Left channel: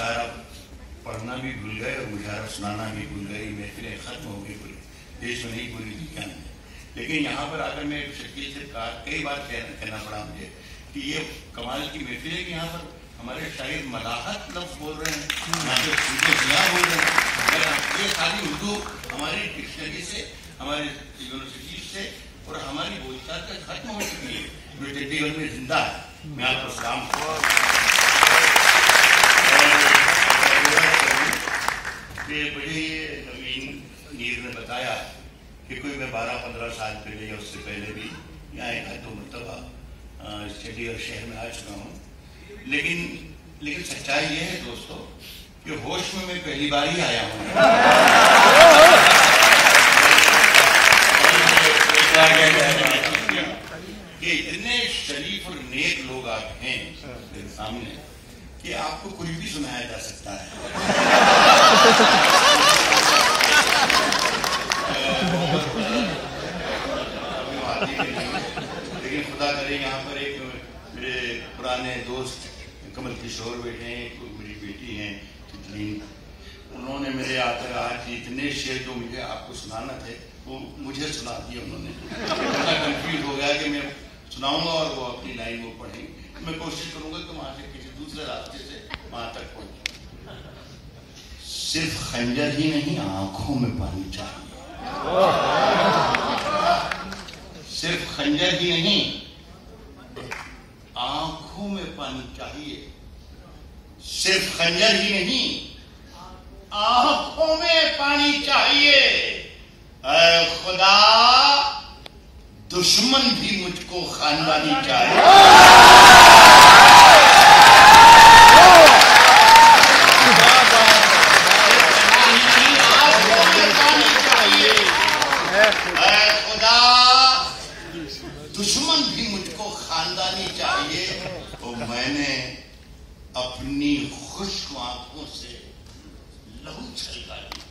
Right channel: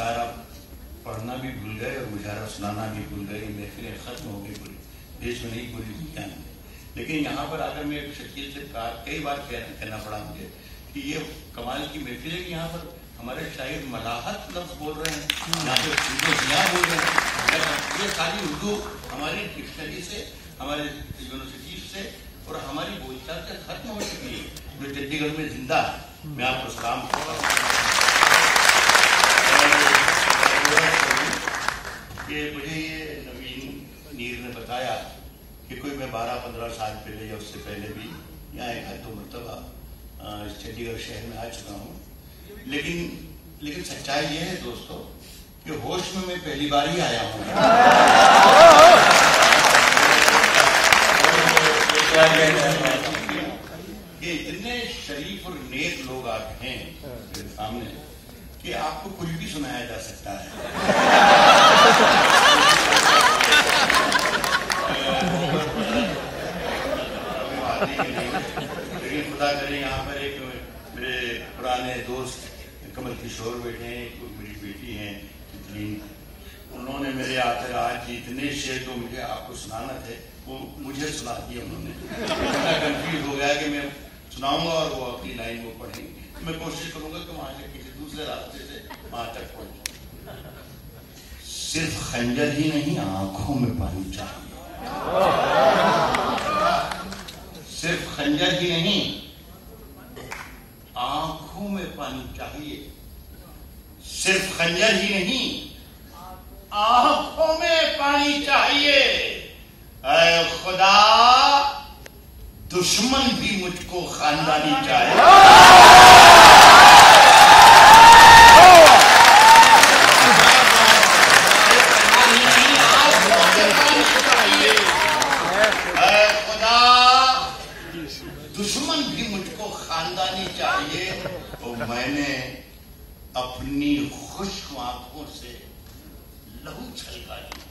सारा पढ़ना भी भूल गए और मुशायरा सुनाना भी भूल गए। महफिलें खत्म हो गई पूरी देश में, नहीं पूरी दुनिया में। लेकिन यहाँ पर आकर मैं शकील से कई बार कहना पड़ा मुझे कि ये कमाल की महफिल है कि यहाँ पर हमारे शायर मलाहत लफ्ज बोल रहे हैं, यहाँ पे उर्दू जिया बोल रहे हैं। ये सारी उर्दू हमारी डिक्शनरी से, हमारे यूनिवर्सिटी से और हमारी बोलचाल से खत्म हो चुकी है, जो चंडीगढ़ में जिंदा है। मैं आपको सलाम करता हूँ कि मुझे ये नवीन नीर ने बताया कि कोई मैं 12-15 साल पहले या उससे पहले भी यहाँ एक दो मरतबा चंडीगढ़ शहर में आ चुका हूँ। लेकिन सच्चाई ये है दोस्तों कि होश में मैं पहली बार ही आया हूँ। ये इतने शरीफ और नेक लोग आप हैं मेरे सामने कि आपको कुछ भी सुनाया जा सकता है। लेकिन खुदा करे यहाँ पर एक मेरे पुराने दोस्त कमल किशोर बैठे हैं, मेरी बेटी हैं तितलीन, उन्होंने मेरे आकर आज इतने शेर जो मुझे आपको सुनाना थे वो मुझे सुना दिए उन्होंने। इतना कंफ्यूज हो गया कि मैं सुनाऊंगा और वो अपनी लाइन वो पढ़ेंगे। मैं कोशिश करूंगा कि वहां से किसी दूसरे रास्ते से वहां तक पहुंचे। सिर्फ खंजर ही नहीं, आंखों में पानी चाहिए। सिर्फ खंजर ही नहीं, आंखों में पानी चाहिए। सिर्फ खंजर ही नहीं, आंखों में पानी चाहिए। ऐ खुदा, दुश्मन भी मुझको खानदानी चाहिए। दुश्मन भी मुझको खानदानी चाहिए। और मैंने अपनी खुश्क आंखों से लहू छलका दिया।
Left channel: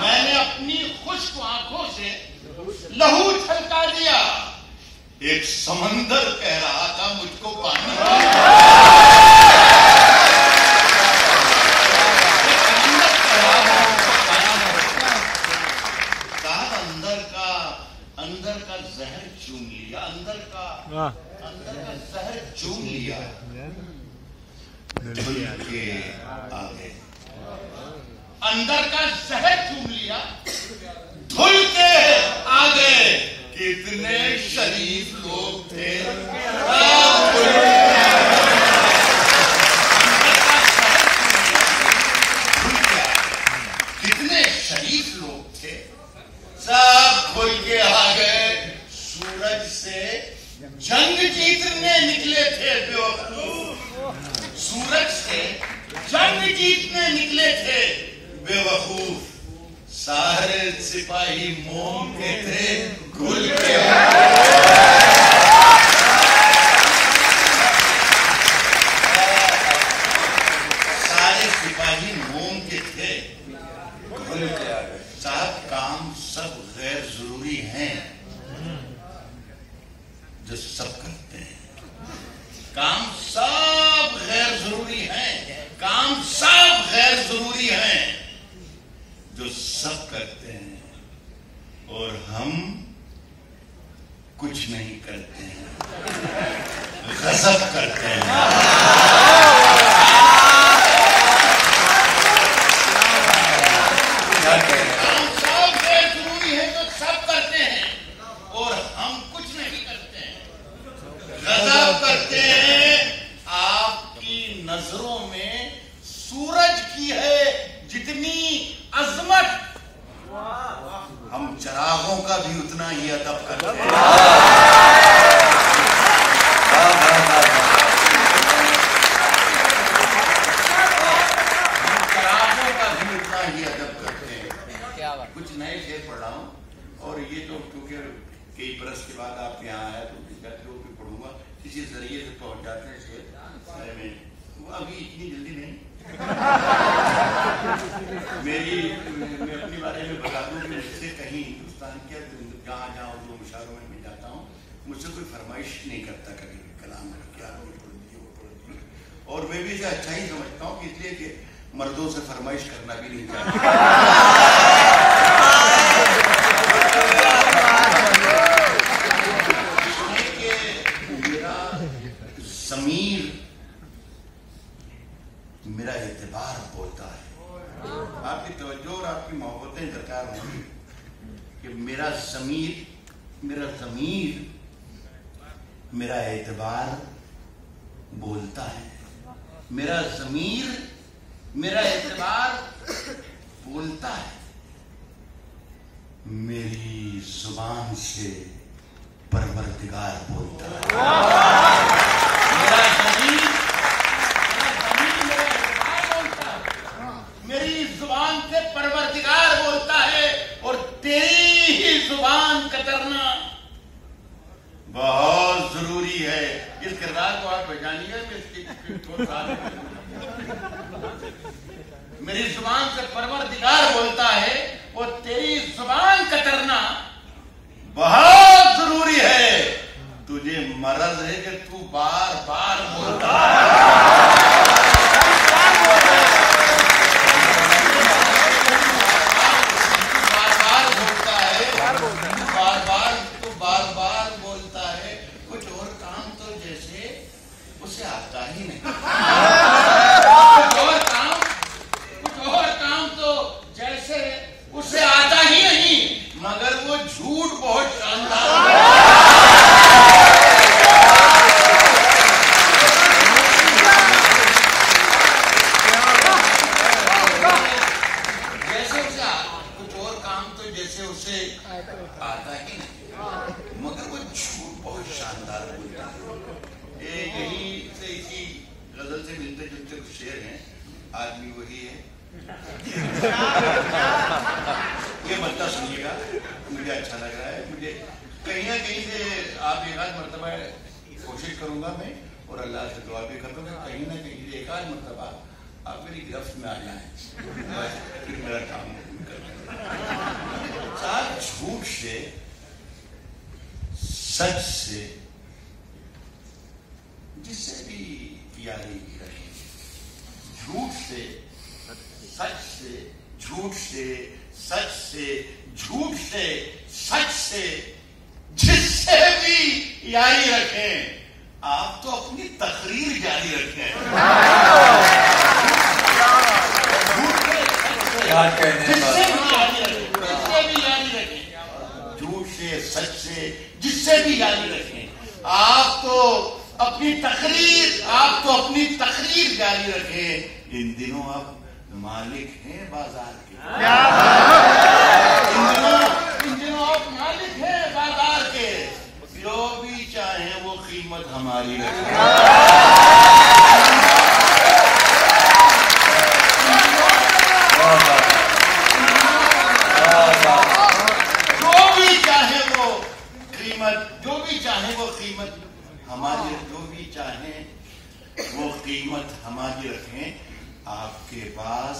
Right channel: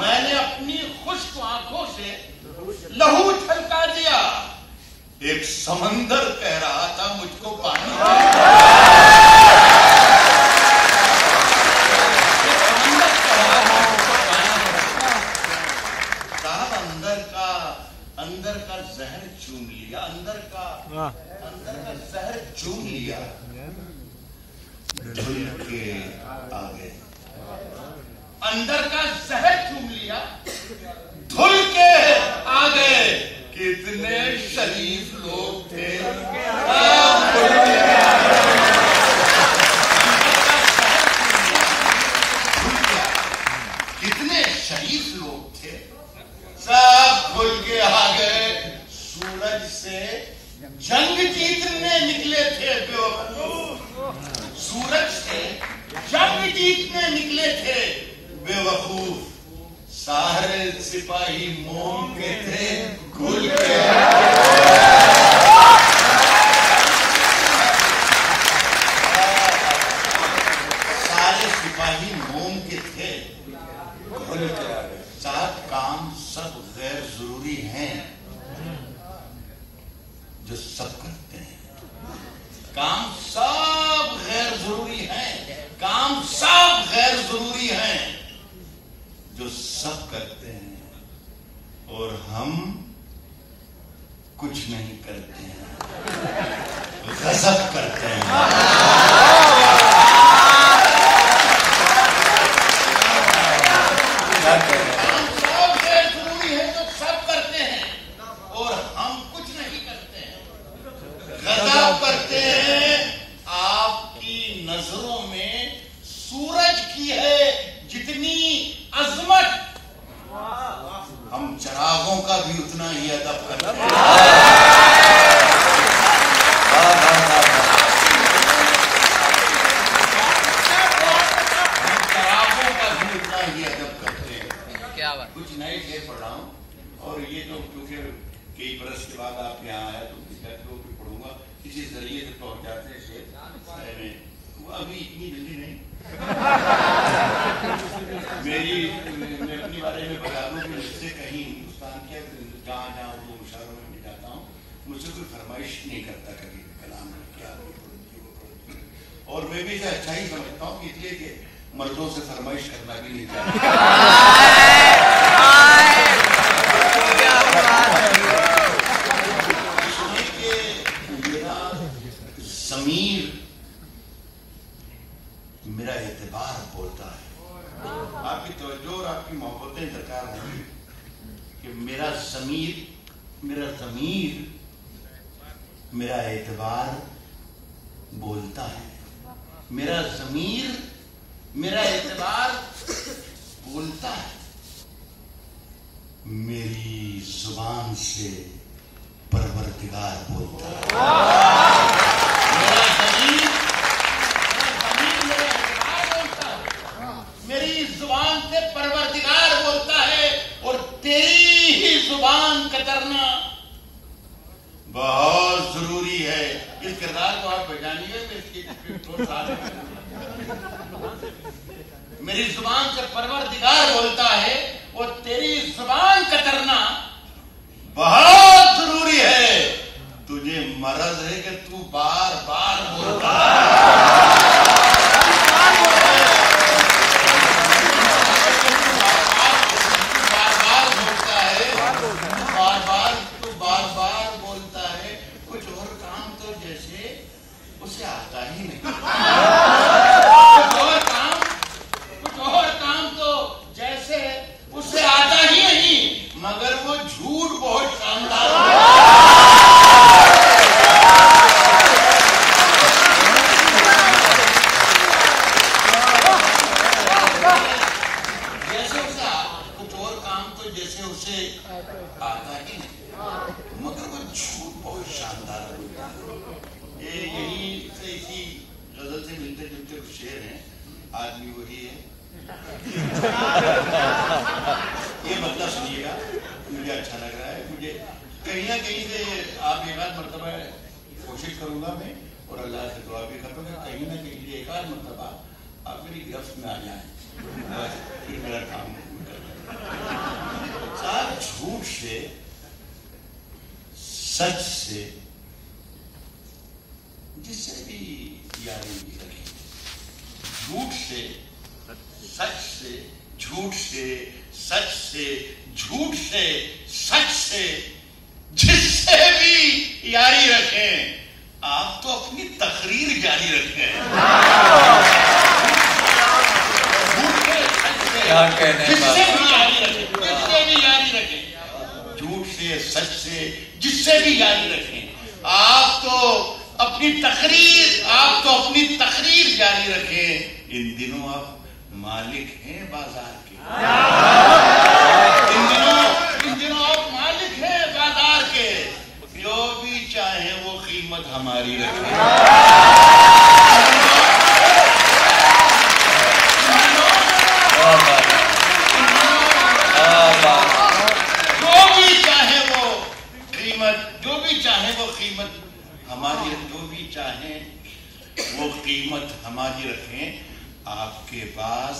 मैंने अपनी खुश्क आंखों से लहू छलका दिया। एक समंदर कह रहा था मुझको पानी अंदर का जहर चूम लिया। अंदर का जहर चूम लिया। धुल के आगे अंदर का जहर चूम लिया। धुल के आ गए। कितने शरीफ लोग थे। कितने शरीफ लोग थे, सब खुल के आ गए। सूरज से जंग जीतने निकले थे बेवकूफ। सूरज से जंग जीतने निकले थे बेवकूफ। सारे सिपाही मोम के थे, खुल के सारे सिपाही मोम के थे, खुल के आ गए। साहब, काम सब गैर जरूरी हैं जो सब करते हैं। काम सब गैर जरूरी हैं। काम सब गैर जरूरी हैं जो सब करते हैं। और हम कुछ नहीं करते हैं, गजब करते हैं। करते हैं। आपकी नजरों में सूरज की है जितनी अजमत, हम चरागों का भी उतना ही अदब करते हैं। हम चरागों का भी उतना ही अदब करते हैं। क्या बात। कुछ नए शेर पढ़ रहा हूँ और ये तो क्योंकि कई बरस के बाद आप यहाँ आया तो पढ़ूंगा। किसी जरिए से पहुंच जाते हैं शेर, वो अभी इतनी जल्दी नहीं। मैं अपने बारे में बता दूं कि मुझसे कहीं हिंदुस्तान के जहाँ जहाँ जो मुशायरों में जाता हूँ, मुझसे कोई फरमाइश नहीं करता कभी कलाम क्या और मैं भी इसे अच्छा ही समझता हूँ, इसलिए कि मर्दों से फरमाइश करना भी नहीं चाहिए। मेरा ज़मीर मेरा एतबार बोलता है। आपकी तवज्जो और आपकी मोहब्बतें दरकार होंगी कि मेरा ज़मीर मेरा एतबार बोलता है। मेरा ज़मीर मेरा एतबार बोलता है। मेरी जुबान से परवरदिगार बोलता है। मेरा ज़मीर मेरा एतबार बोलता है। मेरी जुबान से परवरदिगार बोलता है और तेरी ही जुबान कतरना बहुत जरूरी है। इस किरदार को आप पहचानिए। मेरी जुबान से परवरदिगार बोलता है और तेरी जुबान कतरना बहुत जरूरी है। तुझे मरज है कि तू बार बार बोलता है। उसे आता ही नहीं। कुछ और काम तो जैसे उसे आता ही नहीं, मगर वो झूठ बहुत शानदार है। जैसे उसे कुछ और काम तो जैसे उसे आता ही नहीं, मगर वो झूठ बहुत शानदार बोलता है। यही से इसी गजल से मिलते जुलते कुछ शेर हैं। आदमी वही है। ये बंदा सुनिएगा, मुझे अच्छा लग रहा है। मुझे कहीं ना कहीं से आप एक आध मरतबा कोशिश करूंगा मैं, और अल्लाह से दुआ भी करता हूँ कहीं ना कहीं से एक आध मरतबा आप मेरी गिरफ्त में आ जाएं, बस फिर मेरा काम कर साथ। झूठ से सच से जिससे भी यारी रखें, झूठ से सच से, झूठ से सच से, झूठ से सच से जिससे भी यारी रखें, आप तो अपनी तकरीर जारी रखें। झूठ से सच से जिससे भी यारी रखें, झूठ से सच से जिससे भी यारी रखें। आप तो अपनी तकरीर जारी रखें। इन दिनों आप मालिक हैं बाजार के। इन दिनों आप मालिक हैं बाजार के। जो भी चाहे वो कीमत हमारी रखें। जो भी चाहे वो कीमत हमारी, जो भी चाहे वो कीमत हमारी रखें। आपके पास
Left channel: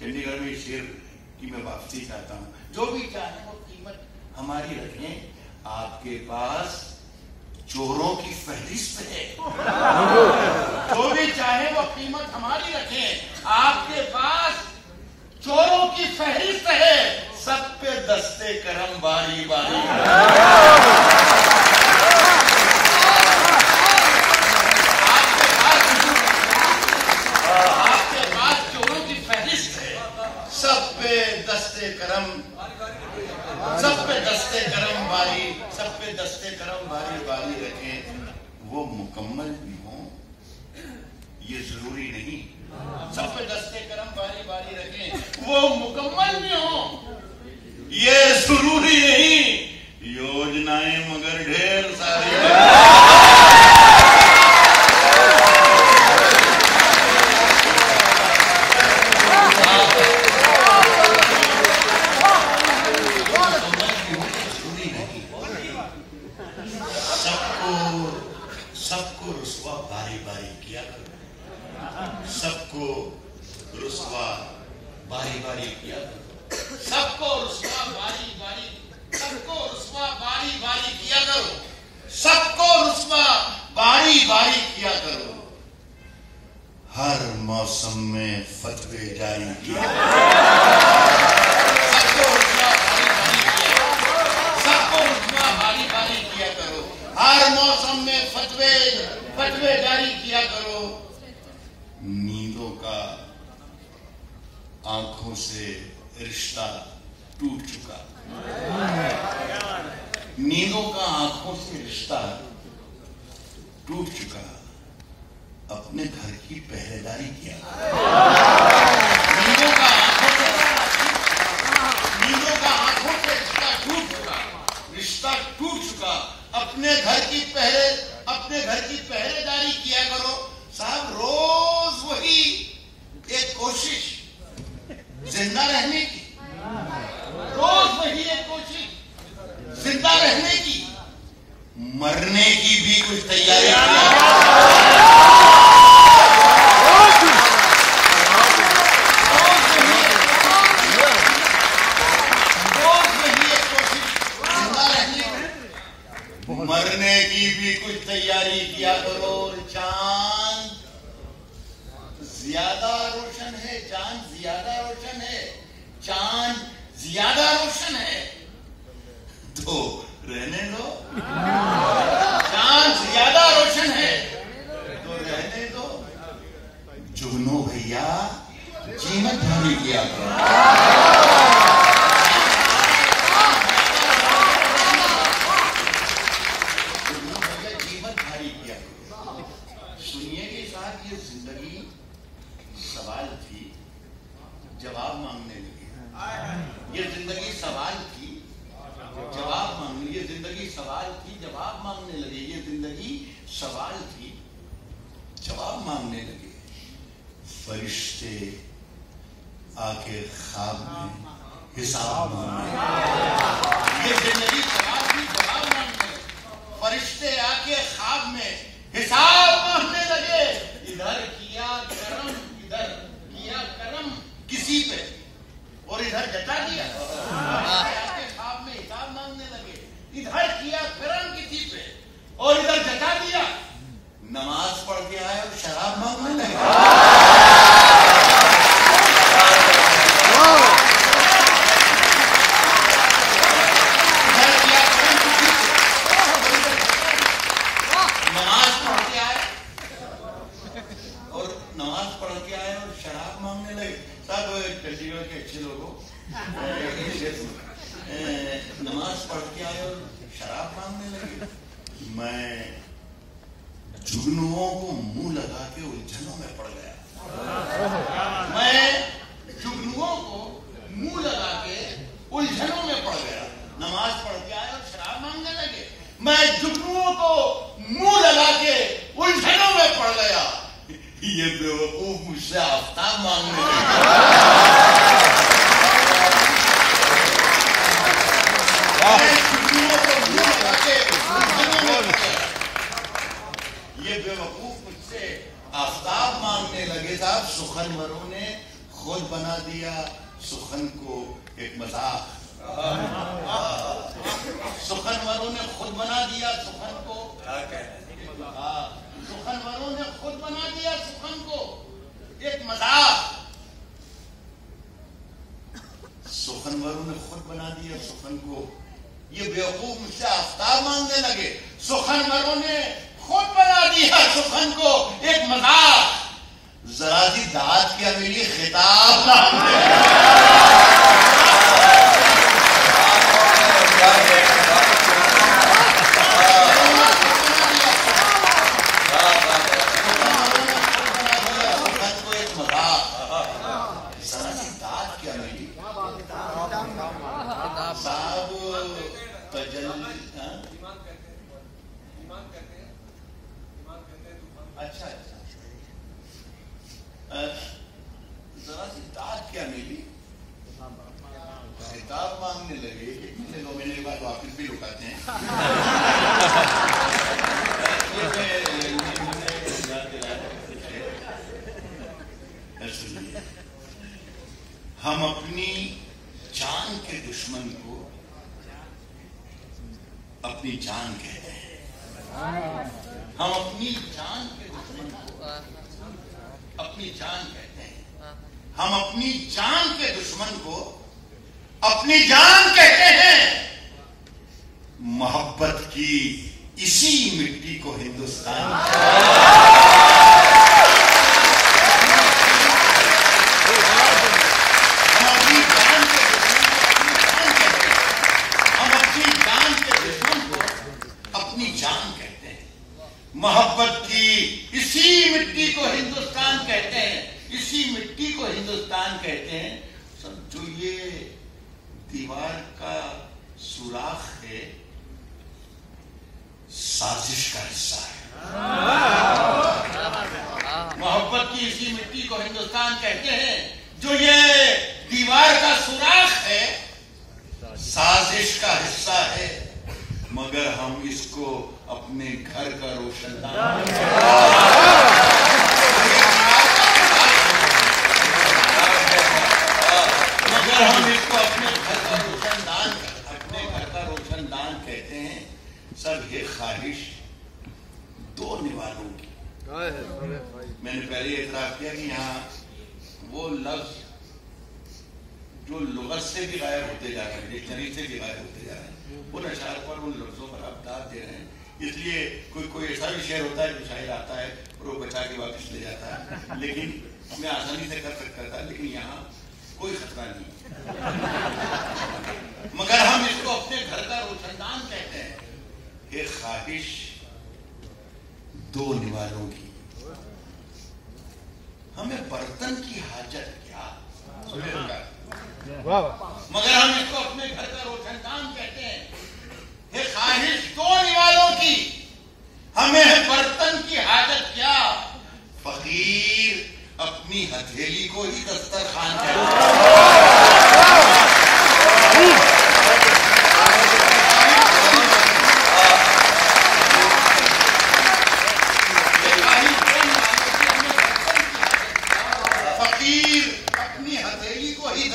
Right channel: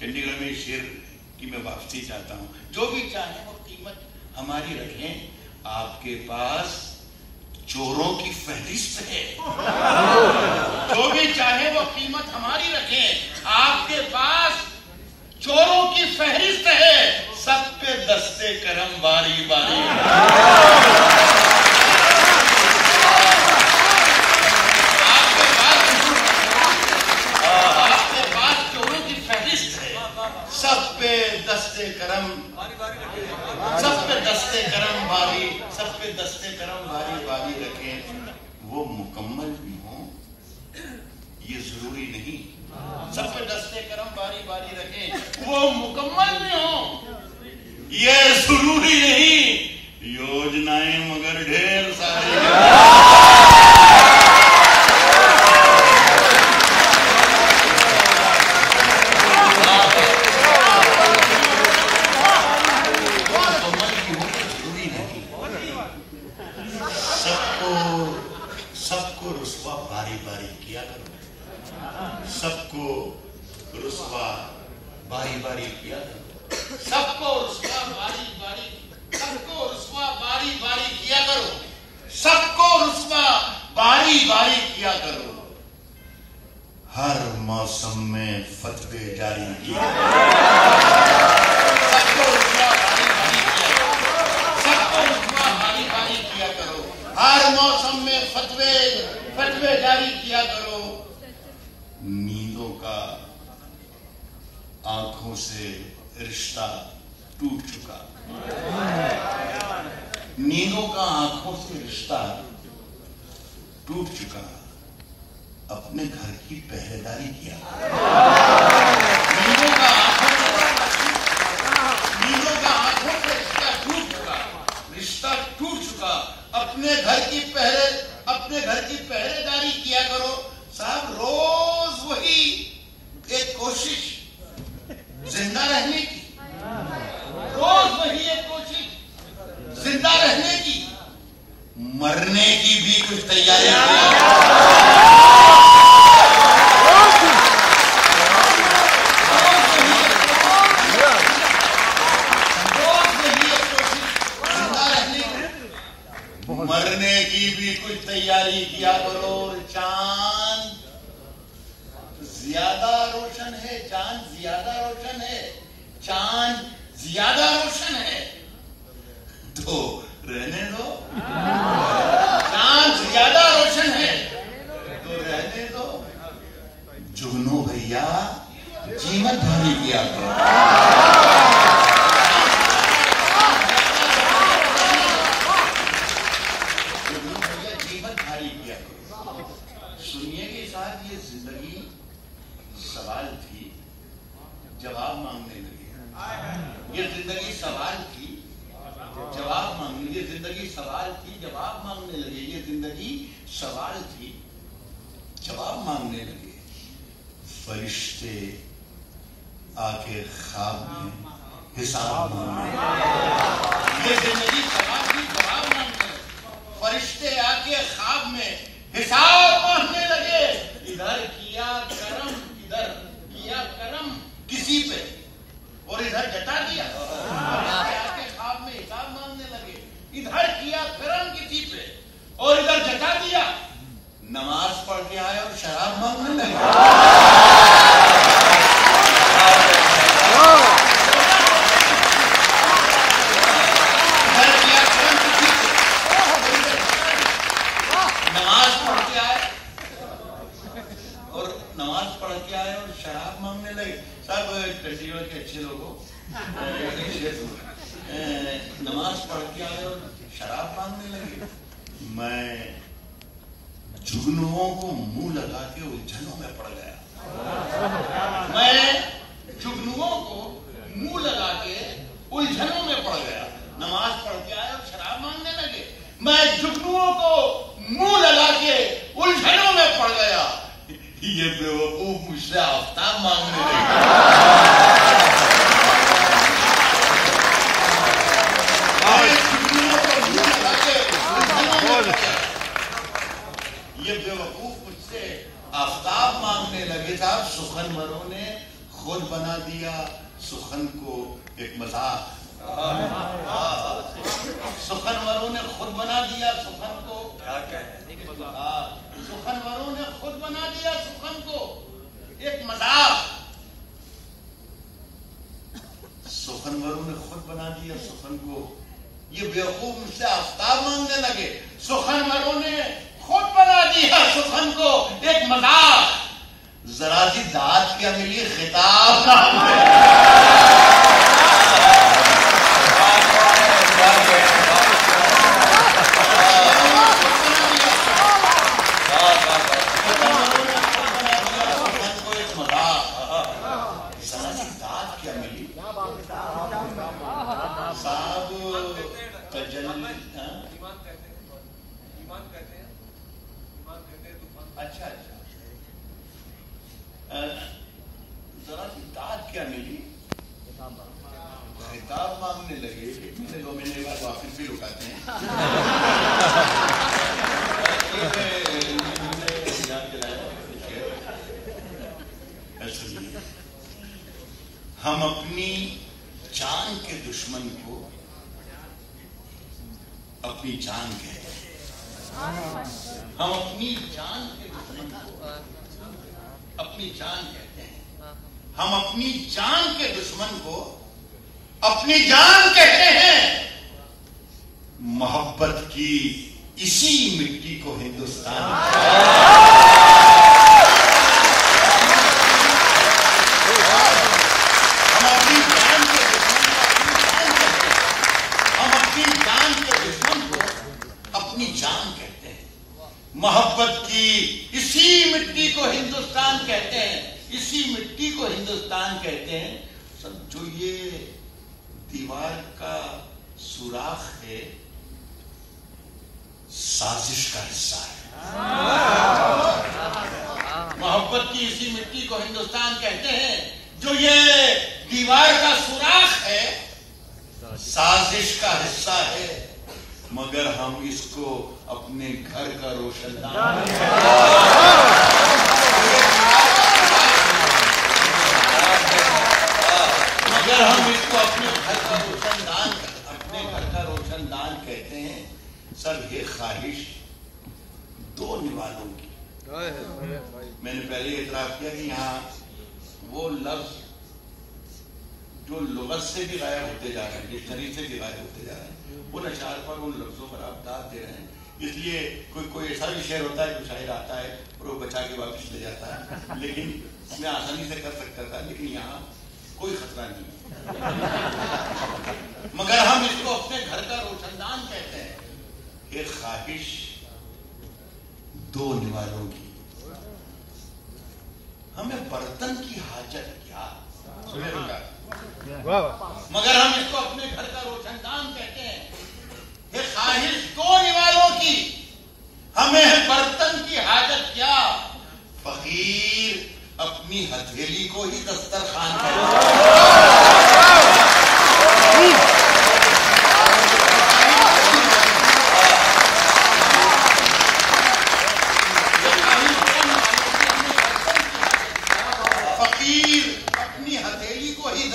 चंडीगढ़ में शेर की मैं वापसी चाहता हूं। जो भी चाहे वो कीमत हमारी रखें, आपके पास चोरों की फहरिस्त है। जो भी चाहे वो कीमत हमारी रखें, आपके पास चोरों की फहरिस्त है। सब पे दस्ते करम बारी बारी। आपके पास चोरों की फहरिस्त है। सब पे दस्ते करम बारी, सब पे दस्ते करम बारी बारी रखें। वो मुकम्मल भी हो ये जरूरी नहीं। सब पे दस्ते करम बारी बारी रखें, वो मुकम्मल भी हो ये जरूरी नहीं। योजनाएं मगर ढेर सारी। सबको रुसवा बारी बारी किया करो। सबको रुसवा बारी बारी किया करो। सबको रुसवा बारी बारी किया करो। सबको रुसवा बारी बारी किया करो। हर मौसम में फतवे जारी किया, सबको रुतबा भारी भारी किया करो। हर मौसम में फतवे जारी किया करो। नींदों का आंखों से रिश्ता टूट चुका, नींदों का आंखों से रिश्ता टूट चुका। अपने घर की पहरेदारी किया, नींदों का आंखों से रिश्ता टूट चुका, रिश्ता टूट चुका। अपने घर की पहरेदारी किया करो। साहब रोज वही एक कोशिश जिंदा रहने की, रोज वही एक कोशिश जिंदा रहने की, मरने की भी कुछ तैयारी किया करो। मरने की भी कुछ तैयारी किया करो। चांद ज्यादा रोशन है, चांद ज्यादा रोशन है, चांद ज्यादा रोशन है तो रहने दो। चांद ज्यादा रोशन है तो रहने दो। जुगनू भैया जीवन भारी किया करो। सुनिए कि साहब ये जिंदगी सवाल थी, जवाब मांगने लगी। ये जिंदगी सवाल थी, जवाब मांगने, ये जिंदगी सवाल थी, जवाब मांगने लगे। ये जिंदगी सवाल थी, जवाब मांगने लगे। फरिश्ते आके ख्वाब में हिसाब मांगने लगे। ये जिंदगी सवाल थी, जवाब मांगने लगे। फरिश्ते आके ख्वाब में हिसाब मांगने लगे। इधर किया करम किसी पे और इधर जता दिया। आके ख्वाब में हिसाब मांगने लगे। इधर किया करम किसी पे और इधर जता दिया। नमाज पढ़ के आए और शराब मांगने लगे। शराब मांगने लगे। सब चंडीगढ़ के अच्छे लोगों नमाज पढ़ के आए और शराब मांगने लगे। मैं जुगनुओं को मुंह लगा के उलझनों में पड़ गया। मैं जुगनुओं को मुंह लगा के उलझनों में पड़ गया। नमाज पढ़ के आए और शराब मांगने लगे। मैं जुगनुओं को मुंह लगा के उलझनों में पड़ गया। ये बेवकूफ मुझसे आफ्ताब मांगने लगे। ये बेवकूफ मुझसे आफ्ताब मांगने लगे। साहब सुखनवरों ने खुद बना दिया सुखन को एक मजाक। सुखनवरों ने खुद बना दिया सुखन को, क्या कहते हैं, सुखनवरों ने खुद बना दिया सुखन को एक मजाक। सुखनवरों ने खुद बना दिया सुखन को। ये बेवकूफ मुझसे आफ्ताब मांगने लगे। सुखनवरों ने खुद बना दिया सुखन को एक मजाक। जरा सी दाद क्या मिली खिताब मांगने साहब अच्छा जरा सी दाद क्या मिली, खिताब मांगने लगे। कितने 2 महीने बाद वापिस भी रुकाते हैं। हम अपनी जान के दुश्मन को अपनी जान कहते हैं। हम अपनी जान के दुश्मन को अपनी जान कहते हैं। हम अपनी जान के दुश्मन को अपनी जान कहते हैं। मोहब्बत की इसी मिट्टी को हिंदुस्तान हम अपनी जान के दुश्मन को अपनी जान कहते हैं। मोहब्बत की इसी मिट्टी को हिंदुस्तान कहते हैं। इसी मिट्टी को हिंदुस्तान कहते हैं। सब जो ये दीवार का सुराख है, साजिश का हिस्सा है। मोहब्बत की इसी मिट्टी को हिंदुस्तान कहते हैं। जो ये दीवार का सुराख है, साजिश का हिस्सा है। मगर हम इसको अपने घर का रोशनदान मगर हम इसको अपने घर का रोशनदान कहते हैं। सब ये ख्वाहिश दो निवालों की। मैंने पहले इतराफ किया कि यहाँ वो लफ्ज जो लुगत से भी गायब होते जा रहे हैं, डिक्शनरी से भी गायब होते जा रहे हैं, उन अशार पर, उन लफ्जों पर आप दाद दे रहे हैं। इसलिए कोई ऐसा भी शेर होता है जो शायर आता है और वो बचा के वापस ले जाता है, लेकिन मैं आसानी से कर सकता था, लेकिन यहाँ कोई खतरा नहीं है। मगर हम इसको अपने घर का रोशनदान कहते हैं। ये ख्वाहिश दो निवालों की। हमें बर्तन की हाजत क्या, मगर हम इसको अपने घर का रोशनदान कहते हैं। ये ख्वाहिश दो निवालों की। हमें बर्तन की हाजत क्या, फकीर अपनी हथेली को ही दस्तरखान कहते हैं।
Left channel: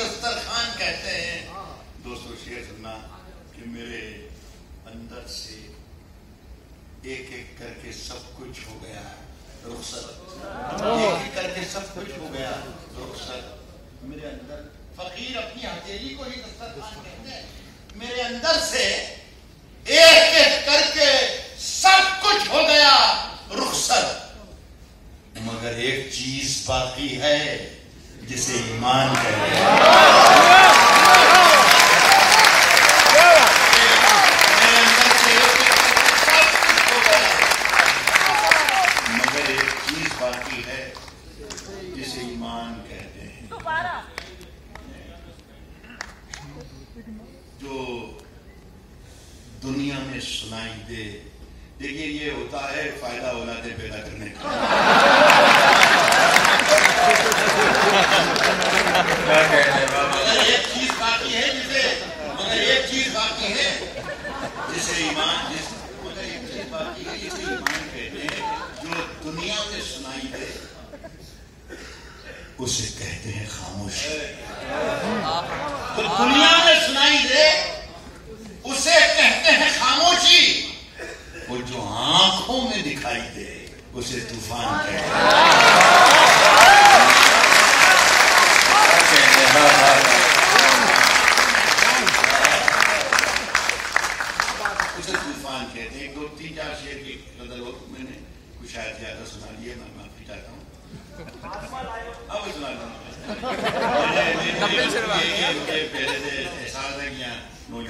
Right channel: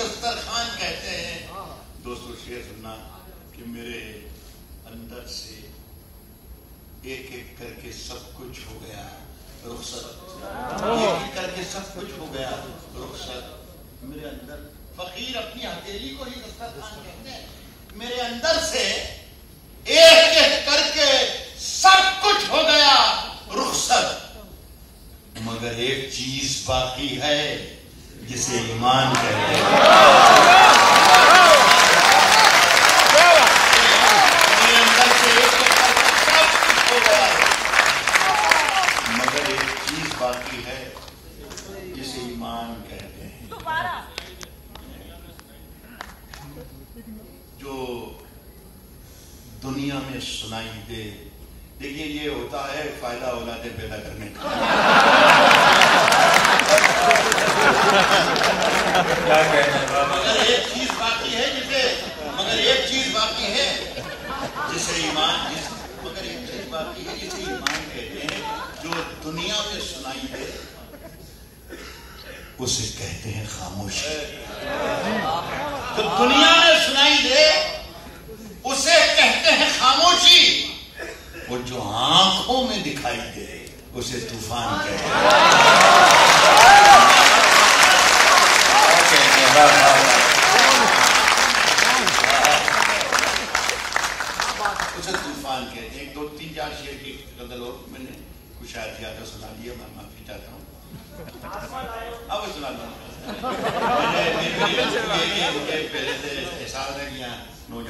दस्तरखान कहते हैं। दोस्तों, शेर सुनना कि मेरे अंदर से एक एक करके सब कुछ हो गया रुखसत। एक एक करके सब कुछ हो गया रुखसत। मेरे अंदर फकीर अपनी हथेली को ही दस्तरखान कहते हैं। मेरे अंदर से एक एक करके सब कुछ हो गया रुखसत। मगर एक चीज बाकी है जिसे ईमान कहते हैं। मेरे अंदर से सब कुछ हो गया, मगर एक चीज बाकी है जिसे ईमान कहते हैं। जो दुनिया में सुनाई दे। देखिए, ये होता है फायदा औलादे पैदा करने का। क्या कहना है? मगर एक चीज बाकी है जिसे ईमान कहते हैं। जो दुनिया में सुनाई दे उसे कहते हैं खामोशी। तो दुनिया में सुनाई दे उसे कहते हैं खामोशी। और जो आंखों में दिखाई दे उसे तूफान कहते हैं। उसे तूफान कहते हैं। 2, 3, 4 शेर की गजल और मैंने कुछ शायद ज्यादा सुना लिया, मैं माफी चाहता हूँ। अब सुना लो। पहले से एहसास है कि यहाँ नौजवान